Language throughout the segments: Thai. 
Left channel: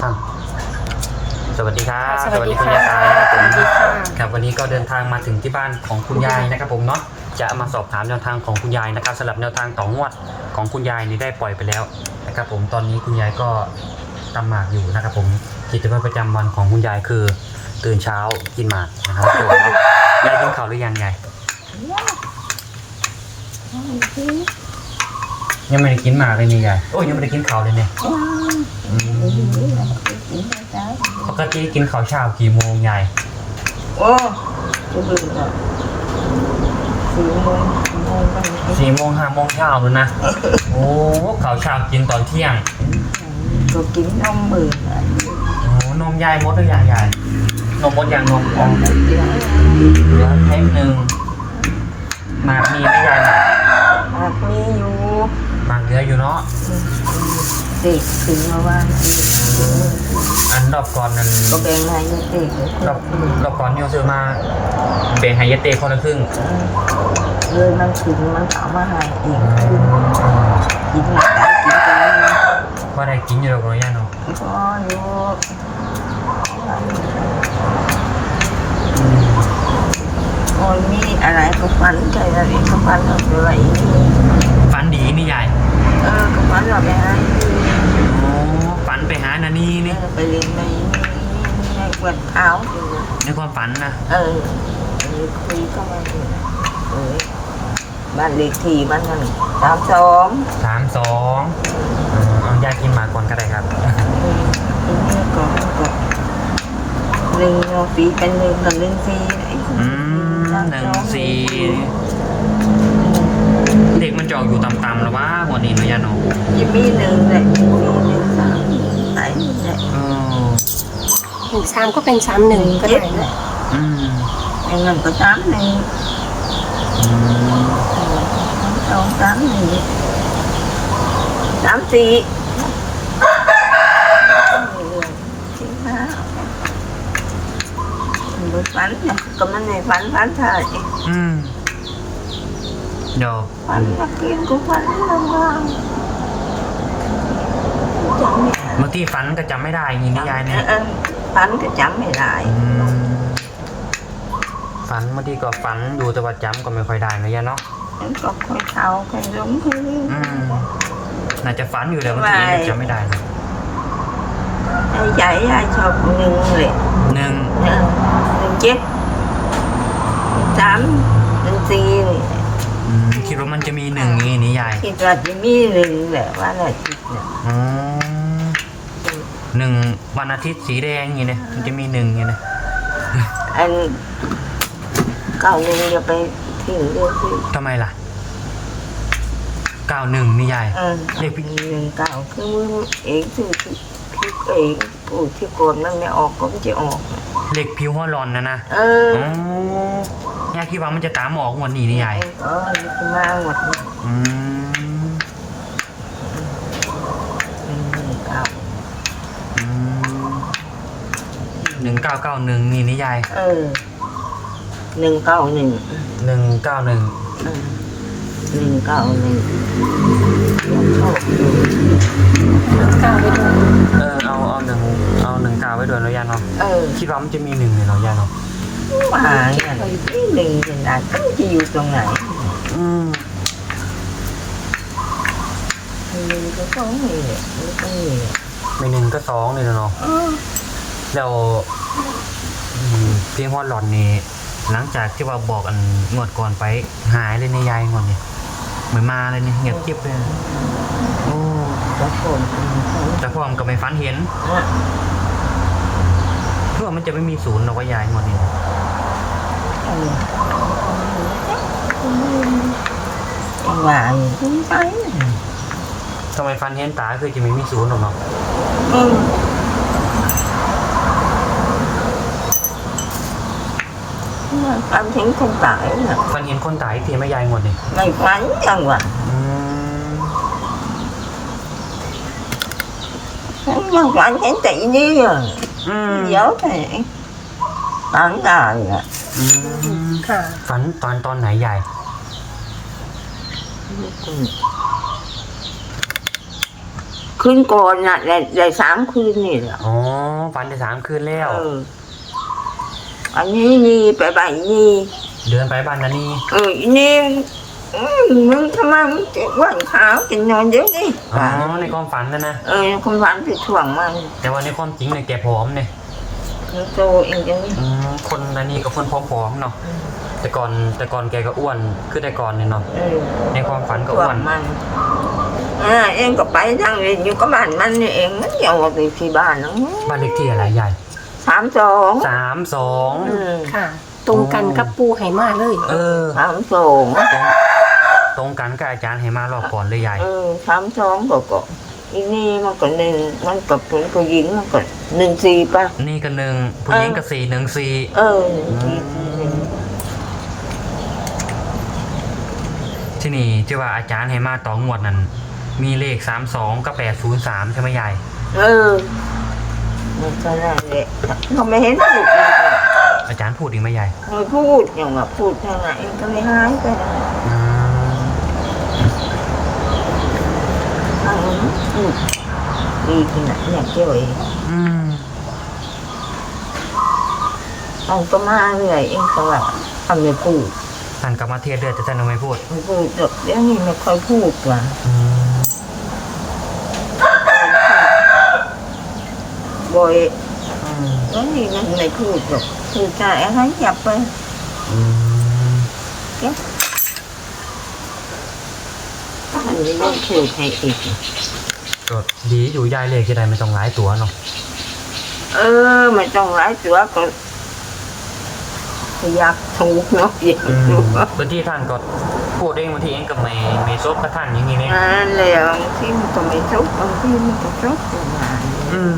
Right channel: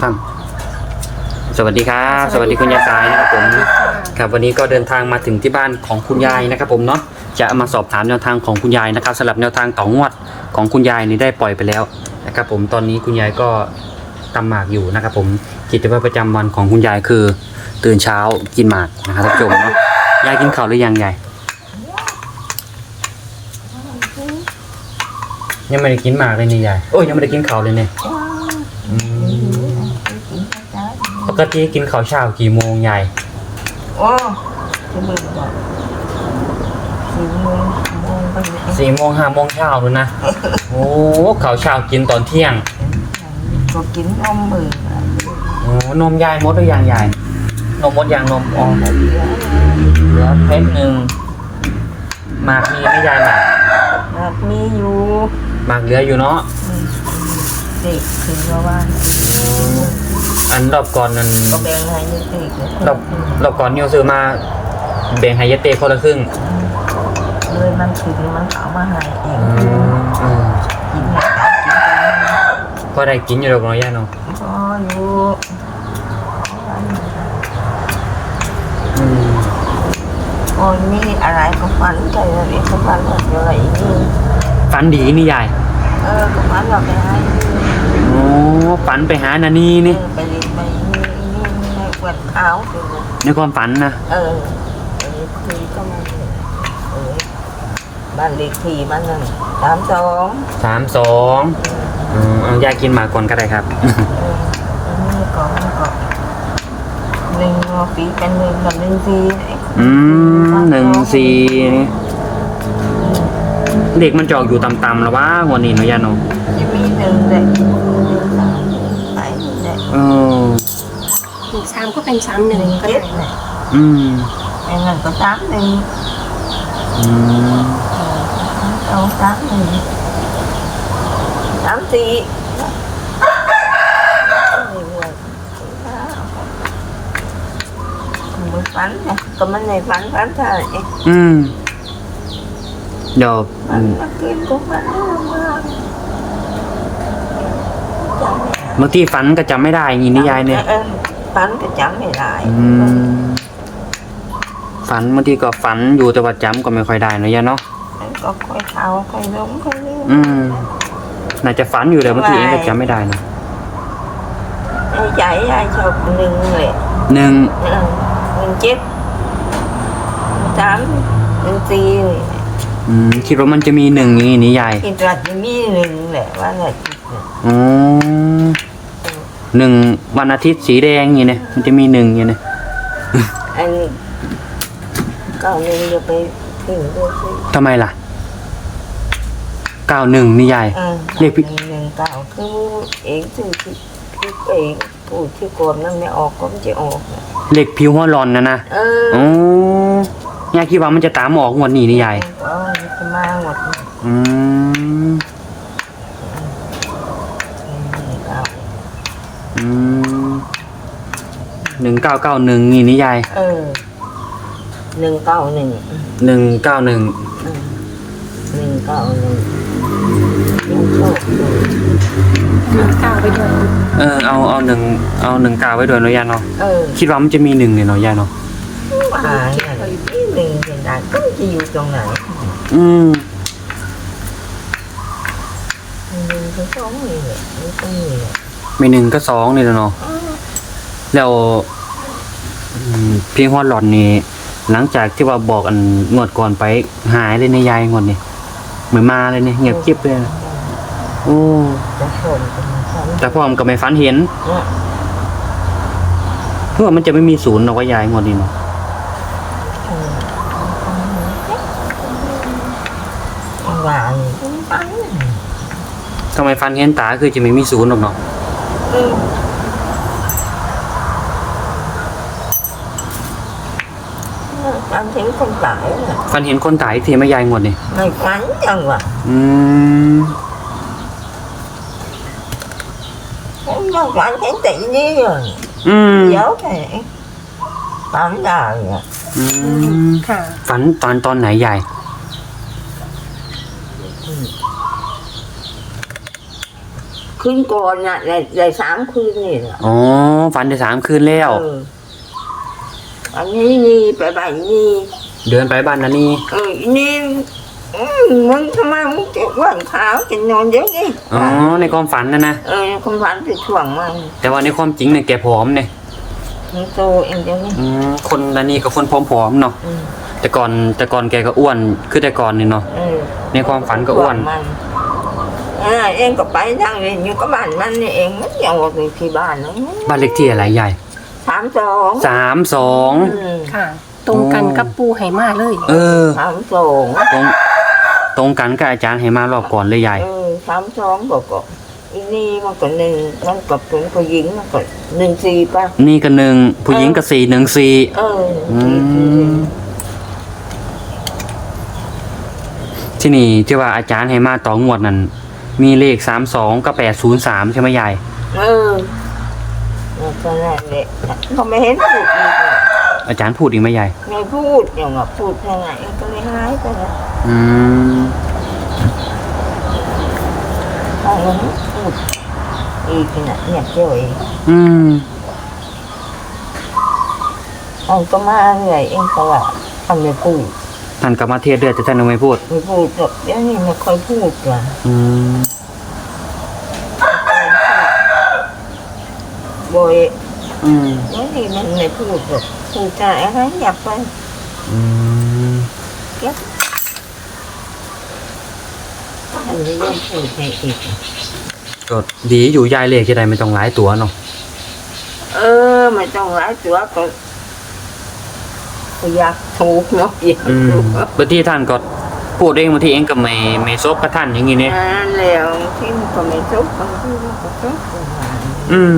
ครับสวัสดีครับสวัสดีคุณยายค่ะสายนะครับผมสวัสดีค่ะครับวันนี้ก็เดินทางมาถึงที่บ้านของคุณยายนะครับผมเนาะจะมาสอบถามแนวทางของคุณยายนะครับสำหรับแนวทางต่องวดของคุณยายนี่ได้ปล่อยไปแล้วนะครับผมตอนนี้คุณยายก็ตำหมากอยู่นะครับผมกิจวัตรประจำวันของคุณยายคือ ตื่นเช้ากินหมากนะครับท่านผู้ชมยายกินข้าวหรือยังยายยังไม่ได้กินหมากเลยนี่ยายโอ้ยยังไม่ได้กินข้าวเลยเนี่ยอืมป กติกินข้าวเช้ากี่โมงยายโอ้จะเบื่อก็สี่โมงโมงไปเลยสี่โมงห้าโมงเช้าดูนะ โอ้ข้าวเช้ากินตอนเที่ยง ก็กินนมมืออะไรโอ้นมยายมดหรือยังยายนมมดยังนมอย่างเดียวเหลือเพชรหนึ่งหมากมีไหม่ยายหมากหากมีอยู่หมากเหลืออยู่เนาะเด็กถึงมาว่า อันรอบก่อนนั้นก็แบ่งให้เด็กรอบรอบก่อนนิวซื้อมาแบ่งให้ยายเต้คนละครึ่งเลยมันถึงมันเอามาให้เองอืมอืมกินไม่ได้กินกันก็ได้กินอยู่หรอกเนาะยายเนาะก็อยู่อืมคนมีอะไรก็ฝันใจอะไรก็ฝันอะไรนี่ฝันดีนี่ยายเออก็ฝันว่าไปหาอยู่โอ้ ฝันไปหานานีเอนี่อไปเรียนไปนี่นี่ให้เวดเท้าเป็นนะในความฝันนะเออเออคุยก็มาเนี่ยเออบ้านเลขที่มันนั่นสามสองสามสองอืมเอายายกินหมากก่อนก็ได้ครับ เอออันนี้ก็มันก็หนึ่งปีเป็นหนึ่งกับหนึ่งปีอืมหนึ่งสี่นี่เด็กมันจอกอยู่ต่ำๆแล้ววะวันนี้เนาะยาโนจะมีหนึ่งแหละจะมีหนึ่งสามไหน แหละเออหนึ่งสามก็เป็นสามหหนึ่นึ่งงก็เจ็ได้ดแหละอืมไอ้นั่นก็สามหนึ่งอืมเออสามสองสามหนึ่งสามสี่เรื่อยๆสี่ห้ามือฝันเนี่ยก็มันในฝันฝันเท่าไหร่อืมเดี๋ยวฝันมากินก็ฝันลำบากจำไม่ได้ เมื่อกี้ฝันก็จำไม่ได้อย่างนี้นี่ยายเนี่ย ออฝันก็จำไม่ได้อืมฝันบางทีก็ฝันอยู่แต่ว่าจำก็ไม่ค่อยได้เนาะยายเนาะมันก็ค่อยเท่าค่อยหลงค่อยลืม อืมน่าจะฝันอยู่แต่บางทีเองก็จำไม่ได้นะไอ้ใจยายชอบหนึ่งเลยหนึ่งเออหนึ่งเจ็ดหนึ่งสามหนึ่งสี่นี่ อืมคิดว่ามันจะมีหนึ่งอย่างนี้นี่ยายคิดว่าจะมีหนึ่งแหละว่าน่ะคิดเนี่ยอ๋อหนึ่งวันอาทิตย์สีแดงอย่างนี้เนี่ยมันจะมีหนึ่งอย่างนี้เนี่ยอันเก้าหนึ่งจะไปถึงเลยสิทำไมล่ะเก้าหนึ่งนี่ยายเออเรียกพี่หนึ่งเก้าคือมึงเองที่ที่ที่เองพูดที่โกนมันไม่ออกก็ไม่จะออกน่ะเด็กผิวหัวร้อนนะนะเออโอ้ ยายคิดว่ามันจะตามออกงวันนี้นี่ยายเออจะมาหมดนี่อืมหนึ่งเก้าอืมหนึ่งเก้าเก้าหนึ่งนี่นี่ยายเออหนึ่งเก้าหนึ่งหนึ่งเก้าหนึ่งเออหนึ่งเก้าหนึ่งยังโชคอยู่หนึ่งเก้าไปด้วยเออเอาเอาหนึ่งเอาหนึ่งเก้าไว้ด้วยเนาะยายเนาะเออคิดว่ามันจะมีหนึ่งเลยเนาะยายเนาะ ว่าอย่างนี้หนึ่งเป็นไรก็จะอยู่ตรงไหนอืมหนึ่งก็ต้องนี่แหละนี่ต้องนี่แหละมีหนึ่งก็สองนี่แหละเนาะเออแล้วอืมเพียงฮอดหลอนนี่หลังจากที่ว่าบอกอันงวดก่อนไปหายเลยในยายงวดนี่เหมือนมาเลยเนี่ยเงียบจิ๊บเลยโอ้จะชมกันเขาแต่พ่อมันก็ไม่ฝันเห็นอะเพื่อมันจะไม่มีศูนย์หรอกว่ายายงวดนี้เนาะเออจัง หวะนี่คุณไปน่ะทำไมฟันเห็นตาคือจะไม่มีศูนย์หรอกเนาะเออฝันถึงคนตายน่ะฟันเห็นคนตายทีไม่ยายงวดนี่ไม่ฝันจังหวะอืมฉันยังฝันเห็นตีนี่อะอืมเดี๋ยวไป ฝันได้อะอืมค่ะ ฝันตอนตอนไหนยายอืมคืนก่อนน่ะได้ได้สามคืนนี่แหละอ๋อฝันได้สามคืนแล้ว เอออันนี้นี่ไปบ้านนี่ เดินไปบ้านนันนี่เอออีนี่อืมมึงทำไมมึงจะว่านขาวจะนอนเยอะนี่อ๋อในความฝันนะนะเออคนฝันไปถ่วงมันแต่ว่าในความจริงเนี่ยแกผอมเนี่ย มึงโตเองจังนี่อืมคนนันนี่กับคนผอมๆเนาะ อืมแต่ก่อนแต่ก่อนแกก็อ้วนคือแต่ก่อนนี่เนาะ เออในความฝันก็อ้วนถ่งมันอ่าเองก็ไปนั่งเล่นอยู่กับบ้านมันนี่เองมันยังออกไปที่บ้านเนาะบ้านเลขที่อะไรใหญ่สามสองสามสองอืมค่ะ ตรงกันกับปูไหมาเลย เออ สามสองตรงตรงกันกับอาจารย์ให้มารอบก่อนเลยใหญ่ เออสามสองก็ก็ อีนี่มันก็หนึ่งมันก็เป็นผู้หญิงมันก็หนึ่งสี่ป่ะ นี่ก็หนึ่งผู้หญิงก็สี่หนึ่งสี่เออหนึ่งสี่สี่หนึ่งที่นี่ที่ว่าอาจารย์ให้มาต่องวดนั้นมีเลขสามสองกับแปดศูนย์สามใช่ไหมยายเออเออก็นั่นแหละเขาไม่เห็นพูดอีกเลยอาจารย์พูดอีกไหมยายไม่พูดอย่างกับพูดเท่าไหร่ก็เลยหายไปนะอืม บางนั้นพูดอีกนะเนี่ยเจ้าเองอืม เอาก็มาเรื่อยเองก็ว่าทำไม่พูดท่านก็มาเทศเดือดแต่ท่านยังไม่พูด ไม่พูดหรอกเดี๋ยวนี้ไม่ค่อยพูดว่ะอืม บ่อยอืม เดี๋ยวนี้มันไม่พูดหรอกพูดจาอะไรหยับไปอืม เก๊ อันนี้ยังพูดให้อีกก็ดีอยู่ยายเลขที่ใดไม่ต้องหลายตัวเนาะเออไม่ต้องหลายตัวก็ก็อยากถูกเนาะอยากอืมถูกบางทีท่านก็พูดเองบางทีเองก็ไม่ไม่ซบกับท่านอย่างงี้เนี่ยนั่นแหละบางทีมันก็ไม่ทุกบางทีมันก็ทุกประมาณนี้อืม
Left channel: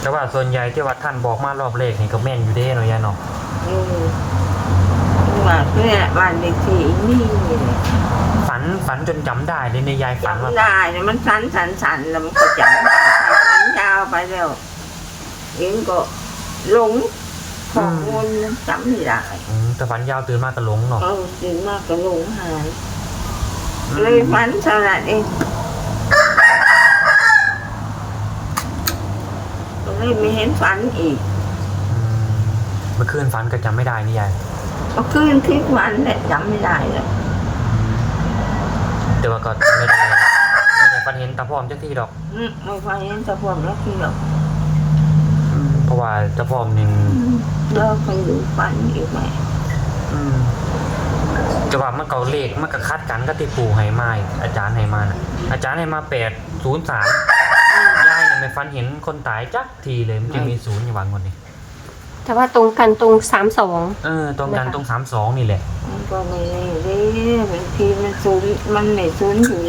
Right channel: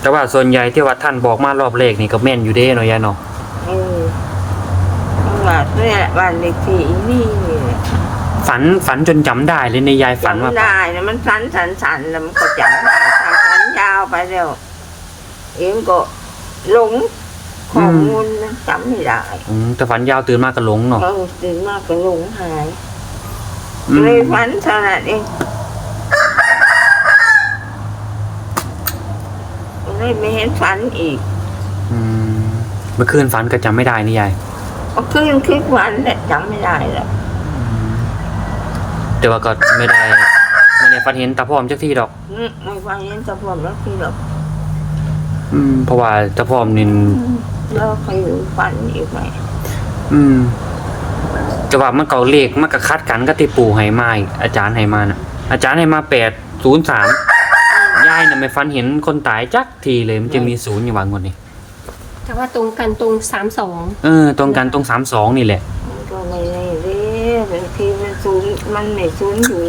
แต่ว่าส่วนใหญ่ที่ว่าท่านบอกมารอบเลขนี่ก็แม่นอยู่เด้เนาะยายเนาะ เออ ว่าเนี่ยบ้านเด็กที่นี่เนี่ยฝันฝันจนจำได้เลยในยายฝันว่าจำได้นะมันสันสันสันแล้วมันก็จำได้ถ้าสันยาวไปแล้วเองก็หลงข้อมูลมันจำไม่ได้อืมแต่ฝันยาวตื่นมากก็หลงเนาะเออตื่นมากก็หลงหาย อืมเลยฝันเท่านั้นเองก็เลยไม่เห็นฝันอีก อืมเมื่อคืนฝันก็จำไม่ได้นี่ยาย ก็คืนคิดวันแหละจำไม่ได้หรอกแต่ว่าก็ไม่ได้ไม่ได้ฝันเห็นตาพร้อมจักที่ดอก อืมไม่ฝันเห็นตะพวมแล้วที่หรอกอืมเพราะว่าตาพร้อมนี่อืมแล้วใครรู้ฝันอีกไหมอืมแต่ว่ามันเก่าเลขมันก็คัดกันก็ที่ปู่ให้มาอีกอาจารย์ให้มานะอาจารย์ให้มาแปดศูนย์สามยายน่ะไม่ฝันเห็นคนตายจักทีเลยมันจะมีศูนย์อยู่วางคนนี้ แต่ว่าตรงกันตรงสามสองเออตรงกันตรงสามสองนี่แหละ มันก็ไม่ได้เด้บางทีมันศูนย์มันไม่ศูนย์อยู่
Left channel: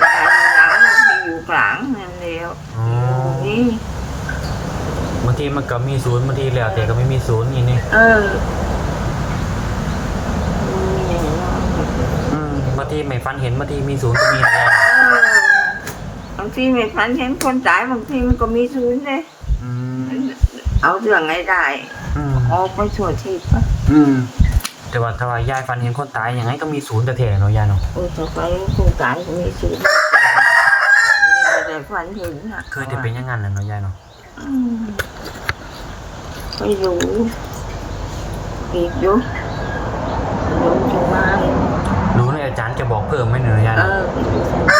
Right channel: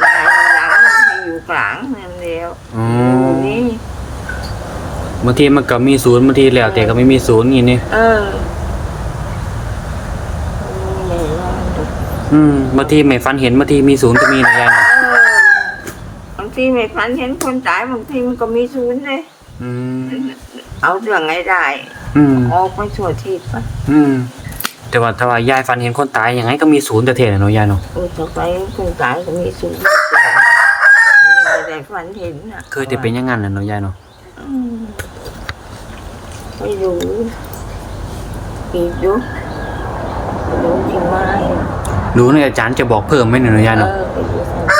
หลังหลังมันไม่อยู่กลางนั่นแล้วอืม อยู่นี่บางทีมันก็มีศูนย์บางทีแล้วแต่ก็ไม่มีศูนย์นี่นี่เออมันไม่แน่นอนหรอกอืมบางทีไม่ฝันเห็นบางทีมีศูนย์ก็มีนะยายนะเออบางทีไม่ฝันเห็นคนตายบางทีมันก็มีศูนย์เลยอืม เอาเรื่องไงได้อืมออกไปสวดทิศปะอืมแต่ว่าถ้าว่ายายฝันเห็นคนตายยังไงก็มีศูนย์แต่เทนะเนาะยายเนาะโอ้ต่อไปคนตายก็มีศูนย์ไม่ได้ฝันเห็นนะเคยแต่เป็นอยังงั้นนะเนาะยายเนาะอืมไม่รู้อีกอยู่รู้ที่ไม้รู้เนี่ยอาจารย์จะบอกเพิ่มไหมเนี่ยเนาะยายเอเนาะอไปดูสันติวั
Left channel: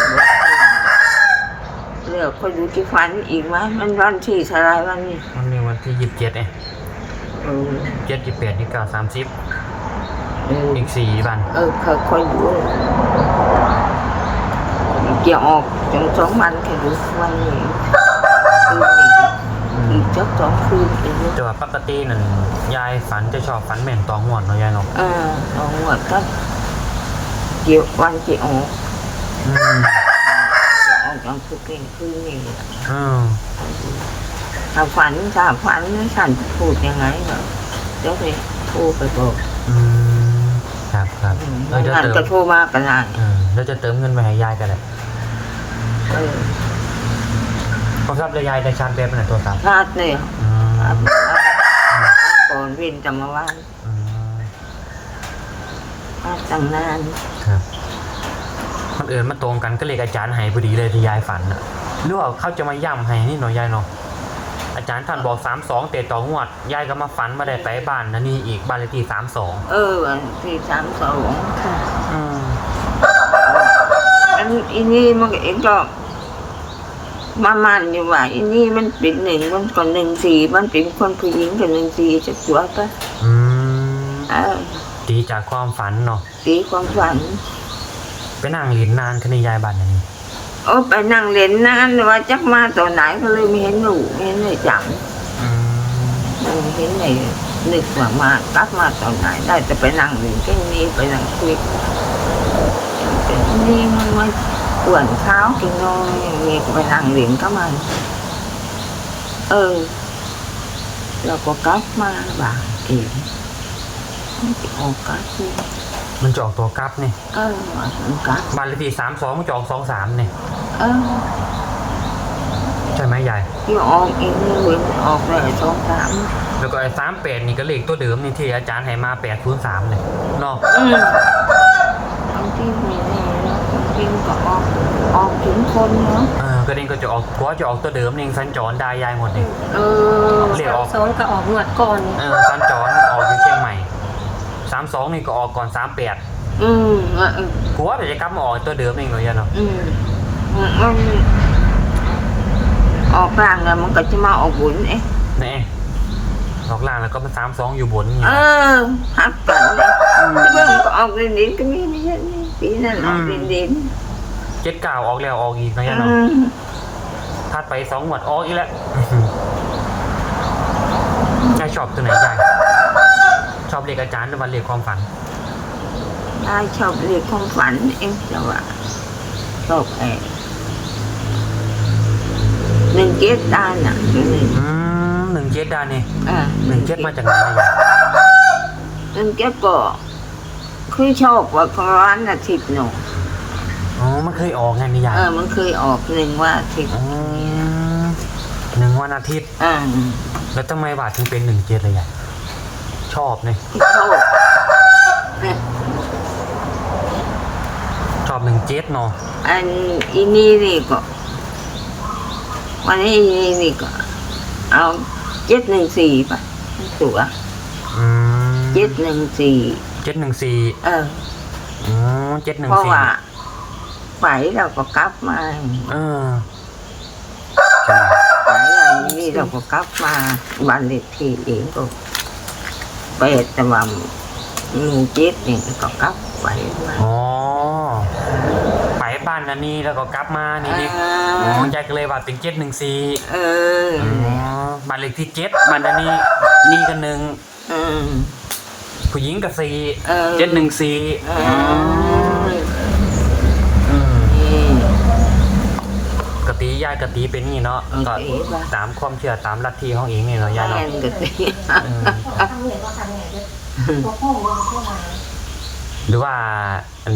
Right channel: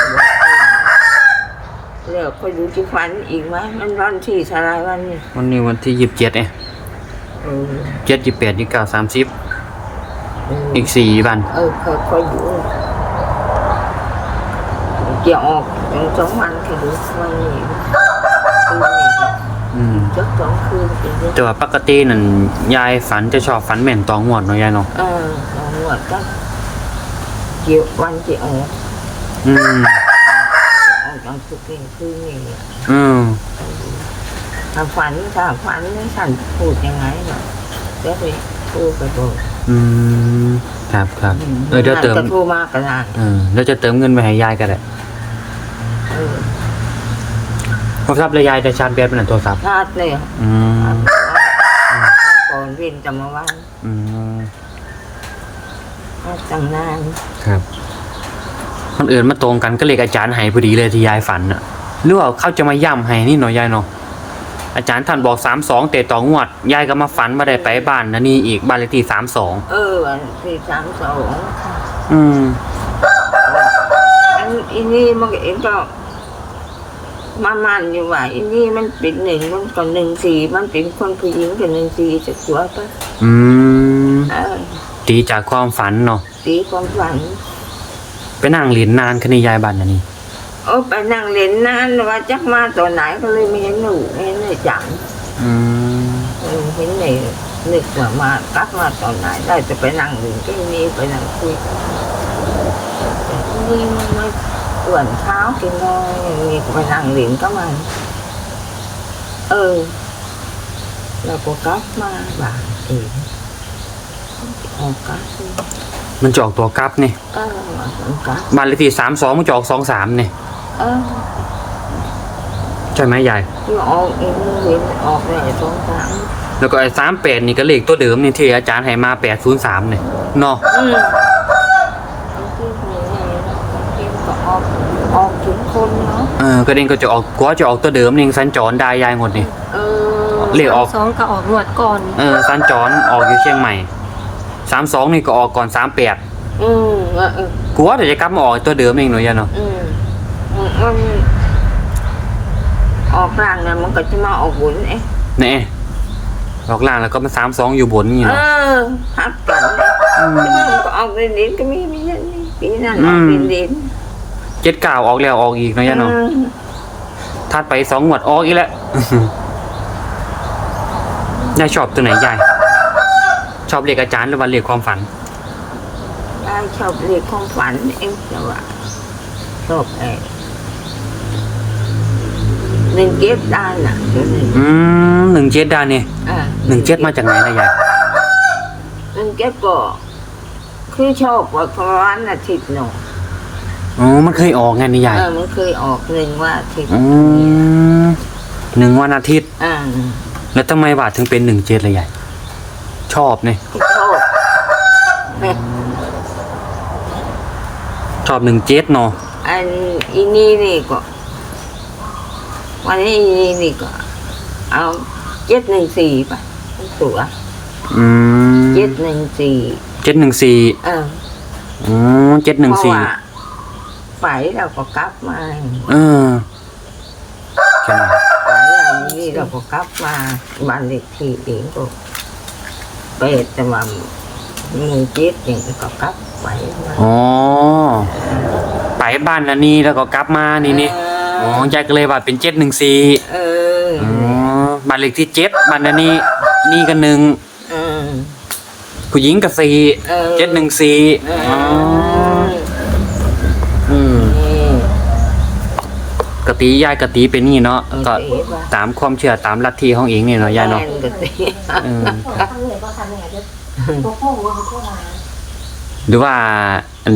ฒน์เลือกไปดูที่ฝันอีกไหมมันวันที่เท่าไรวันนี้วันนี้วันที่ยี่สิบเจ็ดเองเออเจ็ดยี่สิบแปดยี่สิบเก้าสามสิบเอออีกสี่วันเออค่อยค่อยดูเกี่ยวออกสองสองวันแค่ดูวันนี้คืนนี้อืมอีกจักสองคืนอีกแต่ว่าปกตินั่นยายฝันจะชอบฝันแม่นตองหวดเนาะยายเนาะเออสองวันก็เกี่ยววันเกี่ยวออกอืม เกี่ยวออกจังคืนคืนนี้อืมถ้าฝันถ้าฝันนั้นฉันพูดยังไงก็เดี๋ยวไปโทรไปบอกอืมครับครับอืมเออเดี๋ยวนั่นเติมก็โทรมาก็ได้เออแล้วจะเติมเงินไปให้ยายก็ได้เออโทรศัพท์เลยยายได้ชาร์จแบตเป็นโทรศัพท์ชาติเนี่ยอืมชาติก่อนวินจะมาว่านอืมชาติตั้งนานครับ คนอื่นมาตรงกันก็เลขอาจารย์ให้พอดีเลยที่ยายฝันอะหรือว่าเขาจะมาย่ำให้นี่หน่อยยายเนาะอาจารย์ท่านบอกสามสองเตะต่องวด ยายก็มาฝันมาได้ไปบ้านนะนี่อีกบ้านเลขที่สามสองเออวันที่สามสองค่ะอืมอันอีนี่มันเองก็มามันอยู่ว่าอีนี่มันเป็นหนึ่งมันก็หนึ่งสี่มันเป็นคนผู้หญิงกับหนึ่งสี่จะตัวปะอืมเออตีจากความฝันเนาะ ตีความฝัน ไปนั่งเรียนนานคันนี้ยายบ้านนะนี่โอ้ไปนั่งเล่นนานว่าจักมาตัวไหนก็เลยไม่เห็นหนูไม่เห็นเลยจังอืมไม่เห็นเลยนึกว่ามากลับมาตอนไหนได้แต่ไปนั่งเล่นก็นี่ไปนั่งคุยนแต่นี่มันไม่ปวนเท้าวกินน้อยอย่างนี้ไปนั่งเล่นก็มันเออเราก็กลับมาบ้านเองออกกลับนี่ มันจะออกตัวกลับนี่เออว่ามันกลับบ้านเลขที่สามสองมันจะออกสองสามนี่เออใช่ไหมยาย ที่ออกเองเลยเว้ยมันออกเลยสองสามแล้วก็ไอ้สามแปดนี่ก็เลขตัวเดิมนี่ที่อาจารย์ให้มาแปดศูนย์สามเนี่ยเนาะอืมบางทีไม่แน่เนาะบางทีมันก็ออกออกถึงคนเนาะเออก็เด้งก็จะออกเพราะว่าจะออกตัวเดิมนี่สัญจรได้ยายหมดนี่ เออเลขออกสองก็ออกงวดก่อน เออสัญจรออกอยู่เชียงใหม่ สามสองนี่ก็ออกก่อนสามแปดอืมเออเออ กูว่าเดี๋ยวจะกลับมาออกตัวเดิมเองหน่อยยายเนาะอืมมันออกกลางแล้วมันก็จะมาออกบุญเอ๊ะแน่ออกล่างแล้วก็มาสามสองอยู่บนนี่เออพักกันเลยแต่มันก็ออกดินดินก็มีไม่ใช่นี่ปีนั้นออกดินดินเจ็ดเก้าออกแล้วออกอีกหน่อยยายอืเนาะมถัดไปสองหวดออกอีกแล้ว ยายชอบตัวไหนยาย ชอบเรียกอาจารย์หรือว่าเรียกความฝันได้ชอบเรียกความฝันเองแต่ว่าชอบแอบหนึ่งเกตได้น่ะตัวหนึ่งอืมหนึ่งเจ็ดด้านนี่อ่าหนึ่งเจ็ดมาจากไหนนะยายหนึ่งเกตก็คือชอบว่าร้านอาทิตย์หนูอ๋อมันเคยออกไงนี่ยายเออมันเคยออกหนึ่งว่าอาทิตย์อืมหนึ่งวันอาทิตย์ อ่าแล้วทำไมบาทถึงเป็นหนึ่งเจ็ดเลยยาย ชอบเนี่ยก็ชอบชอบหนึ่งเจ็ดเนาะอันอีนี่นี่ก็วันนี้อีนี่นี่ก็เอาเจ็ดหนึ่งสี่ไปตัวอืมเจ็ดหนึ่งสี่เจ็ดหนึ่งสี่เอออ๋อเจ็ดหนึ่งเพราะสี่ว่าไปเราก็กลับมาเออใช่ไหมไปอันนี้เราก็กลับมาบ้านเล็กที่เองก็ ไปแต่ว่าหนึ่งเจ็ดเนี่ยก็กลับไปมาอ๋อไปบ้านนันนี่แล้วก็กลับมานี่นี่เออ๋ออยายก็เลยว่าเป็นเจ็ดหนึ่งสี่เออบ้านเลขที่เจ็ดบ้านนันนี่นี่ก็หนึ่งเออผู้หญิงก็สี่เออเจ็ดหนึ่งสี่เอออืมนี่กะตียายกะตีเป็นนี่เนาะโอเคก็ป่ะตามความเชื่อตามลัทธิของเองนี่เนาะยายเนาะแม่นก็สิเออ หรือว่าอัน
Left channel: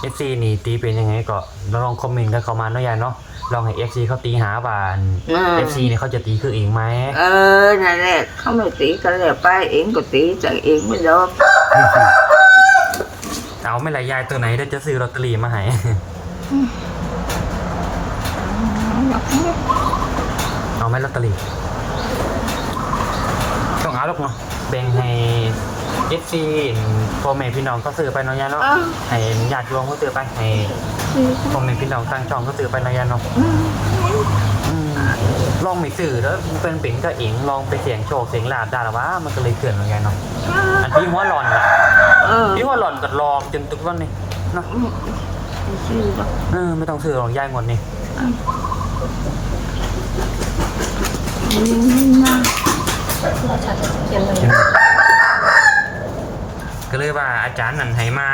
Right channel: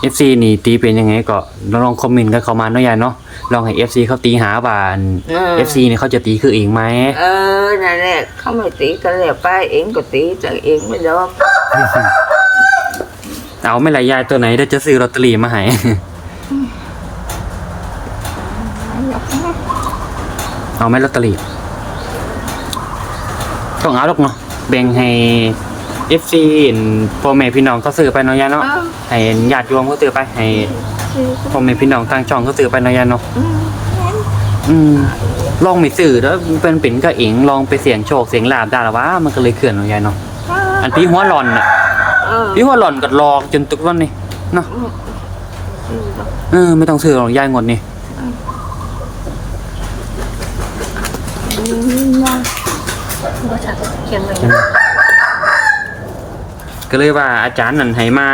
เอฟซีนี่ตีเป็นยังไงก็ลองคอมเมนต์กันเข้ามาเนาะยายเนาะลองให้เอฟซีเขาตีหาว่าเอฟซีเนี่ยเขาจะตีคือเองไหมเออนั่นแหละเขาไม่ตีกันเลยไปเองก็ตีจากเองไม่ดอกเอาไม่ละยายตัวไหนเดี๋ยวจะซื้อลอตเตอรี่มาให้ เอาไหมลอตเตอรี่ต้องเอาหรอกเนาะ แบ่งให้เอฟซีพ่อแม่พี่น้องก็ซื้อไปเนาะยายเนาะอ้าว ให้ญาติโยมก็ซื้อไปให้สิพ่อแม่พี่น้องต่างช่องก็ซื้อไปเนาะยายเนาะอืมแม่นอืมลองไม่ซื้อแล้วเป็นเป็นก็เองลองไปเสี่ยงโชคเสี่ยงลาบได้หรอวะมันก็เลยเขื่อนเนาะยายเนาะอันพี่หัวหลอนน่ะเออพี่หัวหลอนก็รอจนตุกวันนี้เนาะไม่ซื้อดอกเออไม่ต้องซื้อหรอกยายงดนี่นี่นะ ก็ชัดเขียนไว้ก็เลยว่าอาจารย์นั่นให้มา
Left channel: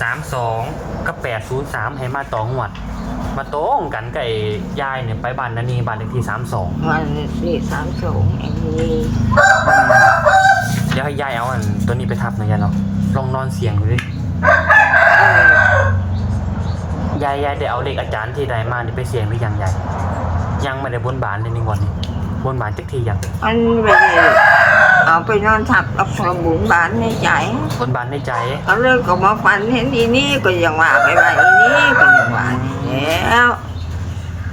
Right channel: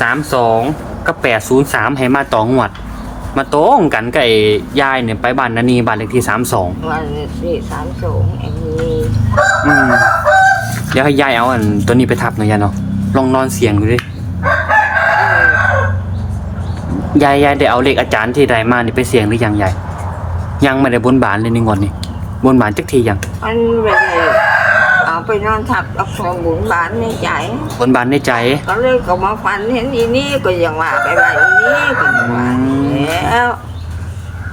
สามสองกับแปดศูนย์สามให้มาต่องวด มาตรงกันกับไอ้ยายเนี่ยไปบ้านนันนีบ้านเลขที่สามสองวันสี่สามสองอันนี้อืมเดี๋ยวให้ยายเอาอันตัวนี้ไปทับหน่อยยายเนาะลองนอนเสียงดูดิเออยายยายได้เอาเลขอาจารย์ที่ใดมานี่ไปเสียงหรือยังยายยังไม่ได้บนบานเลยในงวดนี้ บนบานจักทียังมันไม่ได้เอาไปนอนทับกับความบุญบานในใจ บนบานในใจ ก็เลยก็มาฝันเห็นอีนี่ก็ยังว่าไปว่าอีนี่ก็ยังว่านี่แล้ว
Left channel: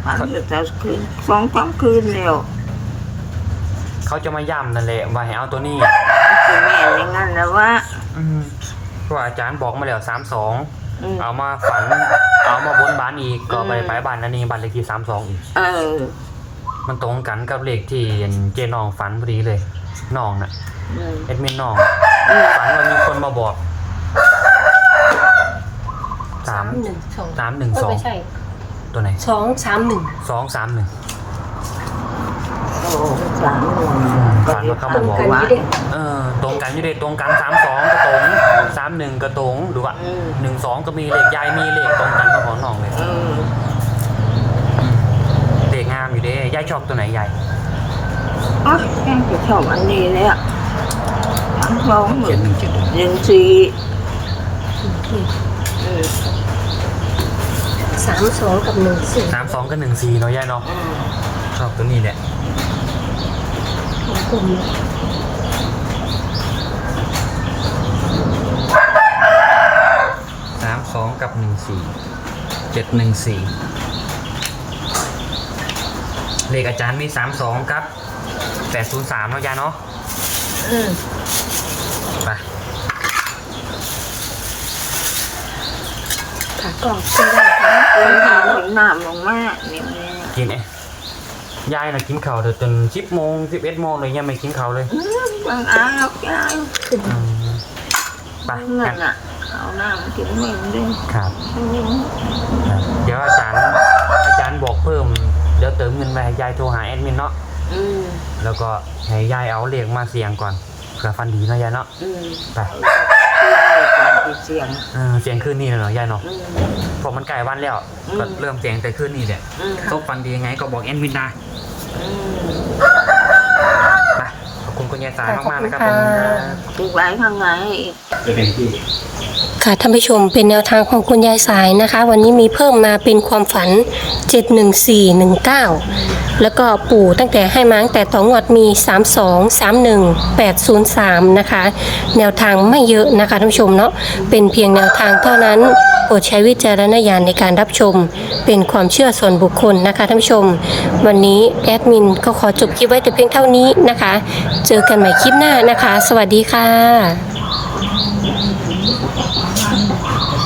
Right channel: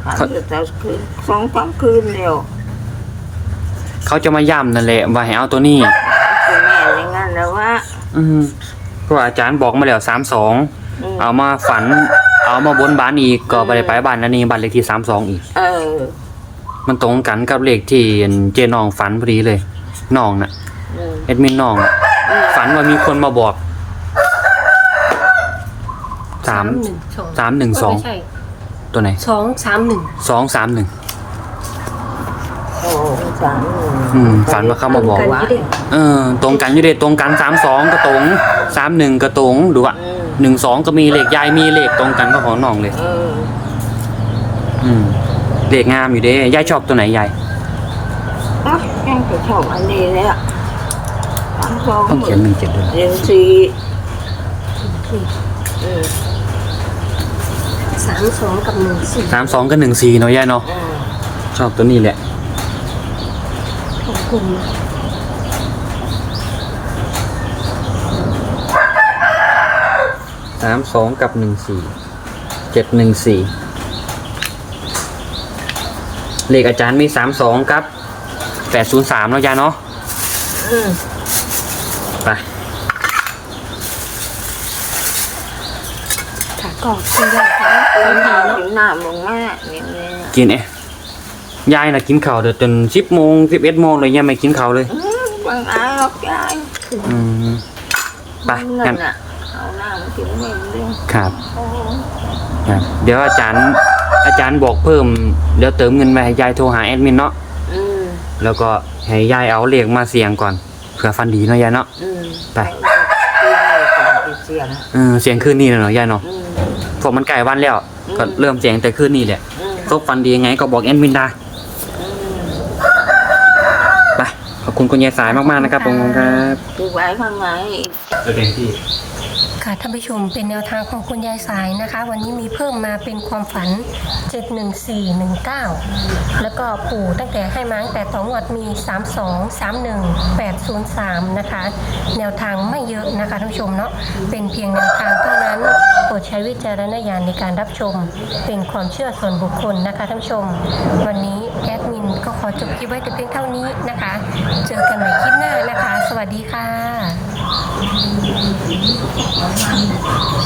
ฝันจะคืนสองสามคืนแล้วเขาจะมาย่ำนั่นแหละว่าให้เอาตัวนี้คือแม่นอย่างนั้นแล้วว่า อืมเพราะว่าอาจารย์บอกมาแล้วสามสองอืมเอามาฝัน เอามาบนบานอีกก็ไปไปบ้านนันนี่บ้านเลขที่สามสองอีก เออ มันตรงกันกับเลขที่เจน้องฝันพอดีเลยน้องน่ะอืมเอ็ดมินน้องน่ะอืมฝันว่ามีคนมาบอกสามหนึ่งสองสามหนึ่งสองไม่ใช่ตัวไหนสองสามหนึ่งสองสามหนึ่งโอ้สามหนึ่งอืมฝันว่าเขามาบอก ว่าเออตรงกันอยู่เด็ตรงกันสามสองก็ตรงสามหนึ่งก็ตรงดูอะอืมหนึ่งสองก็มีเลขยายมีเลขตรงกันก็ของน้องเลย เอออืม เลขงามอยู่เด้ยายชอบตัวไหนยายอ๋อยังจะชอบอันนี้แล้วสามสองหมื่นหนึ่งเจ็ดหนึ่งสี่อืมสามสองกับหนึ่งสี่สามสองก็หนึ่งสี่เนาะยายเนาะอืมชอบตัวนี้แหละของกลุ่มสามสองกับหนึ่งสี่เจ็ดหนึ่งสี่ เลขอาจารย์มีสามสองครับแปดศูนย์สามเนาะยายเนาะอืมไปค่ะก็คุณยายค่ะกิคุนณข้าขาววเนาะกินน้ำลงมาเนี่ยเนี่ยกินเอ๊ะยายน่ะกินข้าวเดี๋ยวจนสิบโมงสิบเอ็ดโมงเลยยังไม่กินข้าวเลยอืมบางอายหรอกยายอืมไปเงิงั้นนอะข้าวน้ำกินเหมือนเดิมครับ โอ้ ครับเดี๋ยวอาจารย์ อาจารย์บอกเพิ่มเดี๋ยวเติมเงินมาให้ยายโทรหาแอดมินเนาะอืมแล้วก็ให้ยายเอาเลขมาเสี่ยงก่อนเผื่อฟันดีเนาะยายเนาะ อืมไปกินเลยก่อนที่เสียงเออเสียงคืนนี้เนาะยายเนาะอืมเพราะมันใกล้วันแล้วอืม ก็เริ่มเสียงแต่คืนนี้แหละอืมซบฟันดียังไงก็บอกแอดมินได้อืมไปขอบคุณคุณยายสายมากๆนะครับผมครับคือไว้ข้างในจะเป็นที่ ค่ะท่านผู้ชมเป็นแนวทางของคุณยายสายนะคะ วันนี้มีเพิ่มมาเป็นความฝัน 71419 แล้วก็ปู่ตั้งแต่ให้มาตั้งแต่ต่องวดมี 32 31 803 นะคะ แนวทางไม่เยอะนะคะท่านผู้ชมเนาะเป็นเพียงแนวทางเท่านั้นโปรดใช้วิจารณญาณในการรับชม เป็นความเชื่อส่วนบุคคลนะคะท่านผู้ชม วันนี้แอดมินก็ขอจบคลิปไว้แต่เพียงเท่านี้นะคะ เจอกันใหม่คลิปหน้านะคะ สวัสดีค่ะ 好慢。